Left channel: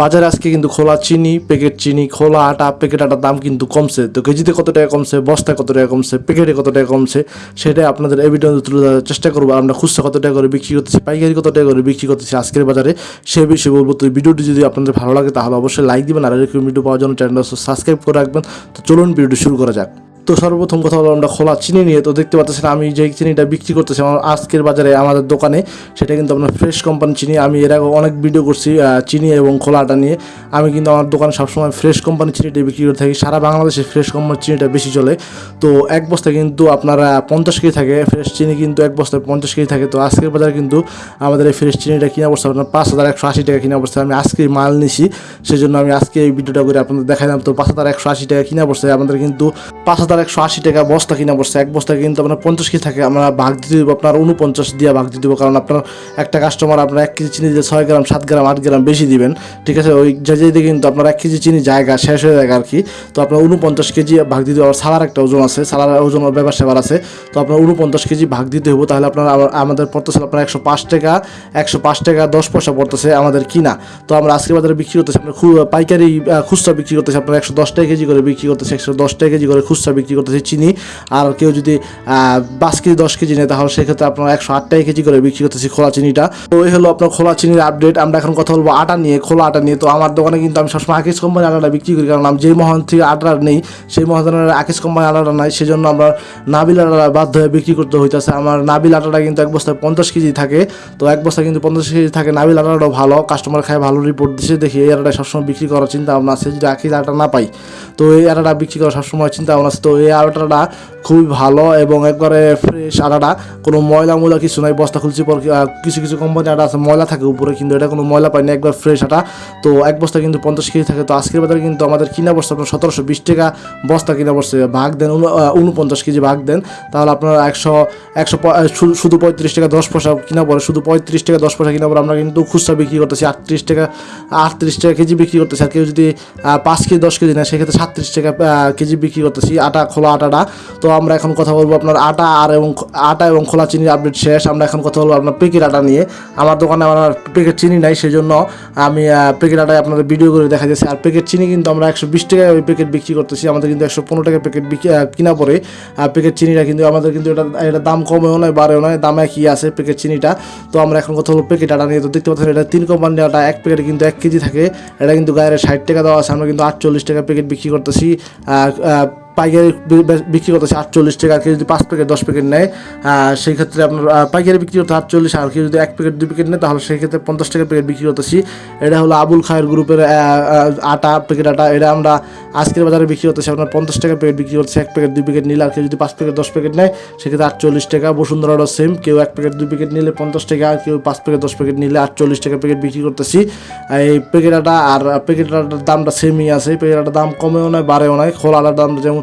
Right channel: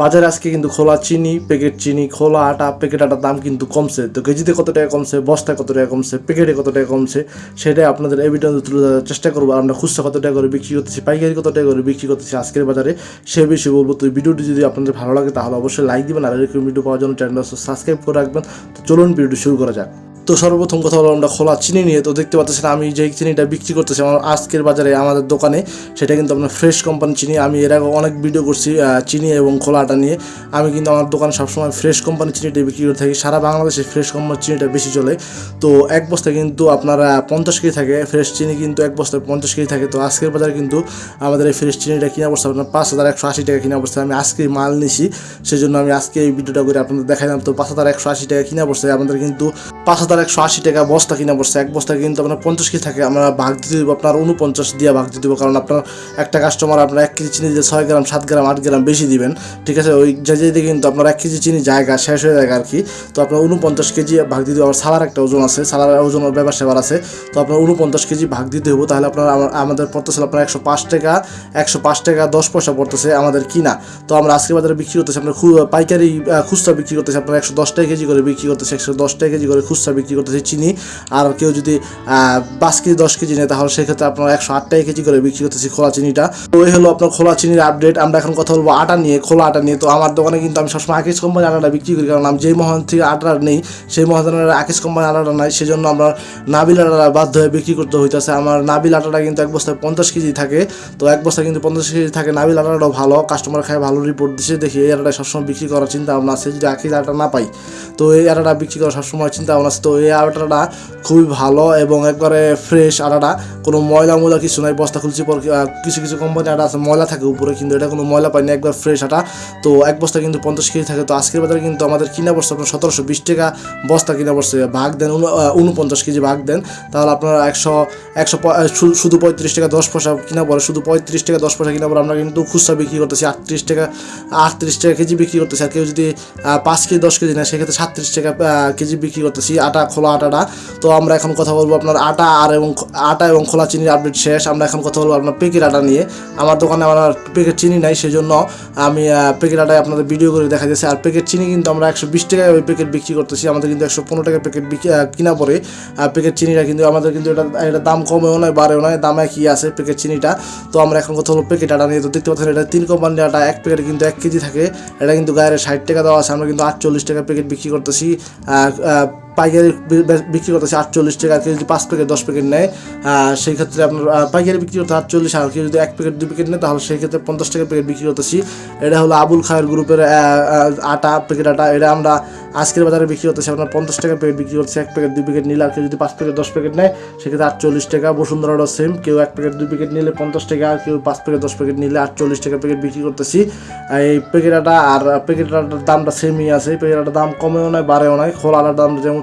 বাজারে আজকে কিন্তু খোলা চিনি প্যাকেট চিনি, খোলা আটা প্যাকেট আটার দাম কিন্তু কমছে। তো কেজিতে কত টাকা কমছে, বস্তায় কত টাকা কমছে প্যাকেটে কত টাকা কমছে, সেটাই আপনাদের এভিডেন্স তুলে ধরার চেষ্টা করব। আমরা খুচরা কত টাকা করে বিক্রি করতেছি, পাইকারি কত টাকা করে বিক্রি করতেছি আজকের বাজারে, সে বিষয়ে বলব। তো ভিডিওটি যদি আপনাদের ভালো লাগে, তাহলে অবশ্যই লাইক দিবেন, আর এরকম ভিডিও পাওয়ার জন্য চ্যানেলটা সাবস্ক্রাইব করে রাখবেন। তো চলুন, ভিডিওটি শুরু করা যাক। তো সর্বপ্রথম কথা হলো, আমরা খোলা চিনি নিয়ে তো দেখতে পাচ্ছেন, আমি যে চিনিটা বিক্রি করতেছি আমার আজকের বাজারে আমাদের দোকানে, সেটা কিন্তু আপনার ফ্রেশ কোম্পানি চিনি। আমি এর আগে অনেক ভিডিও করছি চিনি এবং খোলা আটা নিয়ে। আমি কিন্তু আমার দোকানে সবসময় ফ্রেশ কোম্পানি চিনিটা বিক্রি করে থাকি। সারা বাংলাদেশে ফ্রেশ কোম্পানি চিনিটা বেশি চলে। তো এক বস্তা কিন্তু আপনারা পঞ্চাশ কেজি থাকে ফ্রেশ চিনি কিন্তু এক বস্তায় পঞ্চাশ কেজি থাকে। তো আজকের বাজারে কিন্তু আমাদের এই ফ্রেশ চিনিটা কিনা পড়ছে আপনার পাঁচ হাজার একশো আশি টাকা কিনা পড়ছে আমি আজকে মাল নিছি, সেজন্য আমি আজকে এই ভিডিওটা করে আপনাদের দেখালাম তো পাঁচ হাজার একশো আশি টাকা কিনা পড়ছে আমাদের কিন্তু পাঁচ হাজার একশো আশি টাকা বস্তা কিনা পড়ছে এক বস্তা কিন্তু আপনার পঞ্চাশ কেজি থাকে। আমরা ভাগ দিতে দেবো, আপনার উনপঞ্চাশ দিয়ে ভাগ দিয়ে দেবো। কারণ আপনার একটা কাস্টমার আপনার এক কেজি চিনি দিয়ে ছয় গ্রাম, সাত গ্রাম, আট গ্রাম বেশি দিবেন। ঠিক আছে? ওই যে কিন্তু আপনার এক কেজি চিনি জায়গা, শেষ হয়ে যায় আর কি। তো আপনার উনপঞ্চাশ কেজি ভাগ দিতে হবে সালার একটা ওজন আছে, সালার ওজন ব্যাপার সেবার আছে। তো আপনার উনপঞ্চাশ কেজি ভাগ দিতে হবে তাহলে আপনার আমাদের পড়তেছে আপনার একশো পাঁচ টাকা, একশো পাঁচ টাকা দশ পয়সা পড়তেছে আমাদের কিনা। তো আমরা আজকে বাজারে বিক্রি করতেছি, আপনার পাইকারি খুচরা বিক্রি করতেছি। আপনার একশো দশ টাকা কেজি করে বিক্রি করতেছি, একশো দশ টাকা কেজি করে খুচরা বিক্রি করতেছি চিনি। আর কেউ যদি পাঁচ কেজি, দশ কেজি নেয়, তাহলে সেক্ষেত্রে আপনার একশো আট টাকা কেজি করে বিক্রি করতেছি খোলা চিনিটা। তো এই হলো আপনার খোলা চিনির আপডেট আমরা এখন কথা বলব আটা নিয়ে, খোলা আটা নিয়ে। তো আমার দোকানে কিন্তু আমি সবসময় আকিস কোম্পানি আটাটা বিক্রি করি। কারণ আমি যেই মহান থেকে আটা নেই, সেই মহাজনের আকিস কোম্পানি আটাটা নাই। সেজন্য আমরা নাবিল আটাটা বাধ্য হয়ে বিক্রি করতে হইতেছে। আমার নাবিল আটাটা কিন্তু এক বস্তায় পঞ্চাশ কেজি থাকে। তো এক বস্তায় কিন্তু পঞ্চাশ কেজি থাকে। নাবিল আটাটাও ভালো। কাস্টমার খায়, ভালো রিপোর্ট দিচ্ছে দেখি এই আটাটা সবসময় বিক্রি করার চিন্তা ভাবনা আছে। যদি আকিস আটা না পাই তো এই আটাটা বিক্রি করার সবসময় চিন্তা ভাবনা তো এই আটাটা খুবই ভালো এবং একবারে ফ্রেশ আটাটা কোনো ময়লা ময়লা কিছু নাই, বস্তা খুলছি পর কিছু কিছু কোম্পানি আটা আছে, ময়লা থাকে উপরে, কিন্তু এটা কোনো ময়লা পায় না, একবার ফ্রেশ আটা তো এক বস্তা কিন্তু পঞ্চাশ কেজি থাকে, তো আজকের বাজারে কিন্তু আমাদের কিনা বস্তা আপনার সতেরোশো বিশ টাকা বস্তা কিনা বসছে ভাগ দেন উনপঞ্চাশ কেজি ভাগ দেন। তাহলে আপনার একশো একশো শুধু পঁয়ত্রিশ টাকা দশ পয়সা কিনা পরে শুধু পঁয়ত্রিশ টাকা দশ পয়সা কিনা পরে আমরা কিন্তু খুচরা বিক্রি করতেছি আটত্রিশ টাকা আটত্রিশ টাকা কেজি বিক্রি করতেছি। আর কেউ যদি পাঁচ কেজি, দশ কেজি নেয়, সেক্ষেত্রে সাতত্রিশ টাকা কেজি বিক্রি করতেছি, আটা, খোলা আটাটা তো আমরা এখন কথা বলব আপনার আটা আর এবং আটা এবং খোলা চিনির আপডেট শেষ। আমরা এখন কথা বলব আপনার প্যাকেট আটা নিয়ে। আমার দোকানে আমার প্যাকেট চিনি নাই সেই জন্য আমি প্যাকেট আটায় আপনাদের ভিডিও করে দেখা যাচ্ছে আর প্যাকেট চিনি কিন্তু আমরা একশো বিশ টাকায় ওই প্যাকেট বিক্রি করতেছি। আমাদের কিন্তু একশো পনেরো টাকা প্যাকেট কিনা পড়ে প্যাকেট চিনিটা কিন্তু আমাদের কিন্তু এটা এটা দাম কমেও নয়, বাড়েও নয়, দামে কি আছে প্যাকেট চিনিটা। তো আমরা এখন কথা হলো প্যাকেট আটা নিয়ে। তো দেখতে পাচ্ছেন, এটা তিন কোম্পানির আটা, এক প্যাকেটে কিন্তু এক কেজি থাকে। এটা কিন্তু গায়ের ষাট টাকা দেওয়া আছে। আমরা কিন্তু আটচল্লিশ টাকা প্যাকেট বিক্রি করতেছি আহ, আহ, পাইকারি বিক্রি করতেছে আটচল্লিশ টাকা কেউ যদি পাঁচ প্যাকেট দশ প্যাকেট নেয় সেই ক্ষেত্রে আপনার পাইকারি বিক্রি করতে আটচল্লিশ, আর কেউ যদি এক প্যাকেট দুই প্যাকেট নেয়, তাহলে সেই ক্ষেত্রে পঞ্চাশ টাকা প্যাকেট বিক্রি করতেছি। এটা হলো আবুল খায়ের গ্রুপের আটা প্যাকেট আটা। এটা আমরা আজকের বাজারে বিক্রি করতেছি, আপনার পঞ্চাশ টাকা প্যাকেট বিক্রি করতেছি, এক প্যাকেট দুই প্যাকেট নিলে, আর কেউ যদি পাঁচ প্যাকেট দশ প্যাকেট নেয়, সেক্ষেত্রে আটচল্লিশ টাকা। বসুন্ধরাটাও সেম কেউ এক প্যাকেট দুই প্যাকেট নিলে পঞ্চাশ টাকা, আর কেউ পাঁচ প্যাকেট দশ প্যাকেট নিলে আটচল্লিশ টাকা প্যাকেট বিক্রি করতেছি। এই প্যাকেট আটা আর প্যাকেট আটার দামটা সেমই আছে প্যাকেট আটার দাম কমেও নয় বাড়েও নয় খোলা আটার দাম যেমন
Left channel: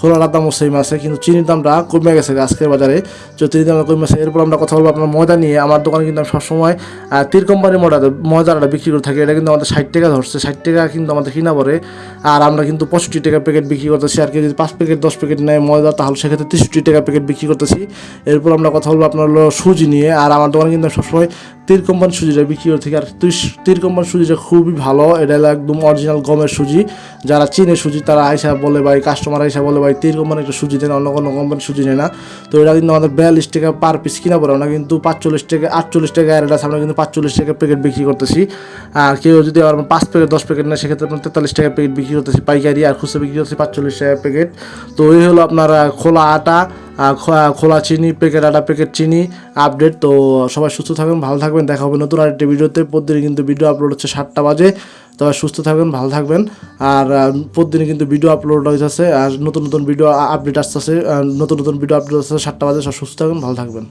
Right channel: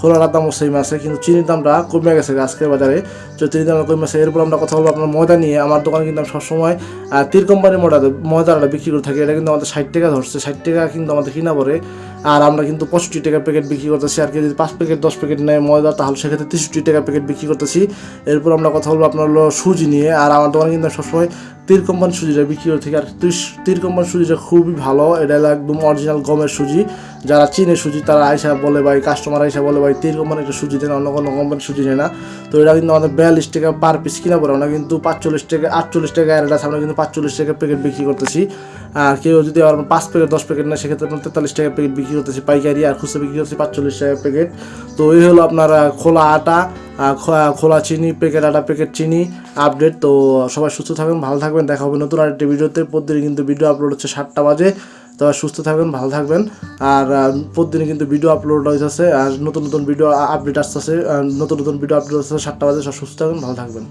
খোলার দামও সেম আছে, কিন্তু চিনির দামটা কমে গেছে আজকের বাজারে। তো চিনির দামটা কমে গেছে, এরপর আমরা কথা বলব আপনার ময়দা নিয়ে। আমার দোকানে কিন্তু আমি সবসময় তীর কোম্পানির ময়দা, ময়দাটা বিক্রি করে থাকি। এটা কিন্তু আমাদের ষাট টাকা ধরছে, ষাট টাকা কিন্তু আমাদের কিনা পড়ে। আর আমরা কিন্তু পঁয়ষট্টি টাকা প্যাকেট বিক্রি করতেছি। আর কেউ যদি পাঁচ প্যাকেট, দশ প্যাকেট নেয় ময়দা, তাহলে সেক্ষেত্রে তেষট্টি টাকা প্যাকেট বিক্রি করতেছি। এরপর আমরা কথা বলব আপনার সুজি নিয়ে। আর আমার দোকানে কিন্তু সবসময় তীর কোম্পানি সুজিটা বিক্রি করে থাকি। আর তীর- কোম্পানির সুজিটা খুবই ভালো। এটা একদম অরিজিনাল গমের সুজি। যারা চিনে সুজি, তারা আইসা বলে ভাই কাস্টমার আইসা বলে ভাই তীর কোম্পানির একটা সুজি দেন অন্য কোনো কোম্পানির সুজি নেয় না। তো এটা কিন্তু আমাদের বিয়াল্লিশ টাকা পার পিস কিনা পড়ে না, কিন্তু পাঁচচল্লিশ টাকা, আটচল্লিশ টাকা আর আমরা কিন্তু পাঁচচল্লিশ টাকা প্যাকেট বিক্রি করতেছি। আর কেউ যদি আমার পাঁচ প্যাকেট দশ প্যাকেট নেয়, সেক্ষেত্রে আপনার তেতাল্লিশ টাকা প্যাকেট বিক্রি করতেছি। পাইকারি আর খুচরা বিক্রি করতেছি পাঁচচল্লিশ টাকা প্যাকেট তো এই হলো আপনার খোলা আটা খোলা চিনি প্যাকেট আটা প্যাকেট চিনি আপডেট তো সবাই সুস্থ থাকবেন ভালো থাকবেন। দেখা হবে নতুন আরেকটি ভিডিওতে। প্রতিদিন কিন্তু ভিডিও আপলোড হচ্ছে সাতটা বাজে। তো সুস্থ থাকবেন, ভালো থাকবেন। আর প্রতিদিনই কিন্তু ভিডিও আপলোড হয়ে আছে আর নতুন নতুন ভিডিও আপডেট আসতেছে নতুন নতুন ভিডিও আপডেট আসতেছে সাতটা বাজে, সব সুস্থ থাকবেন, ভালো থাকবেন।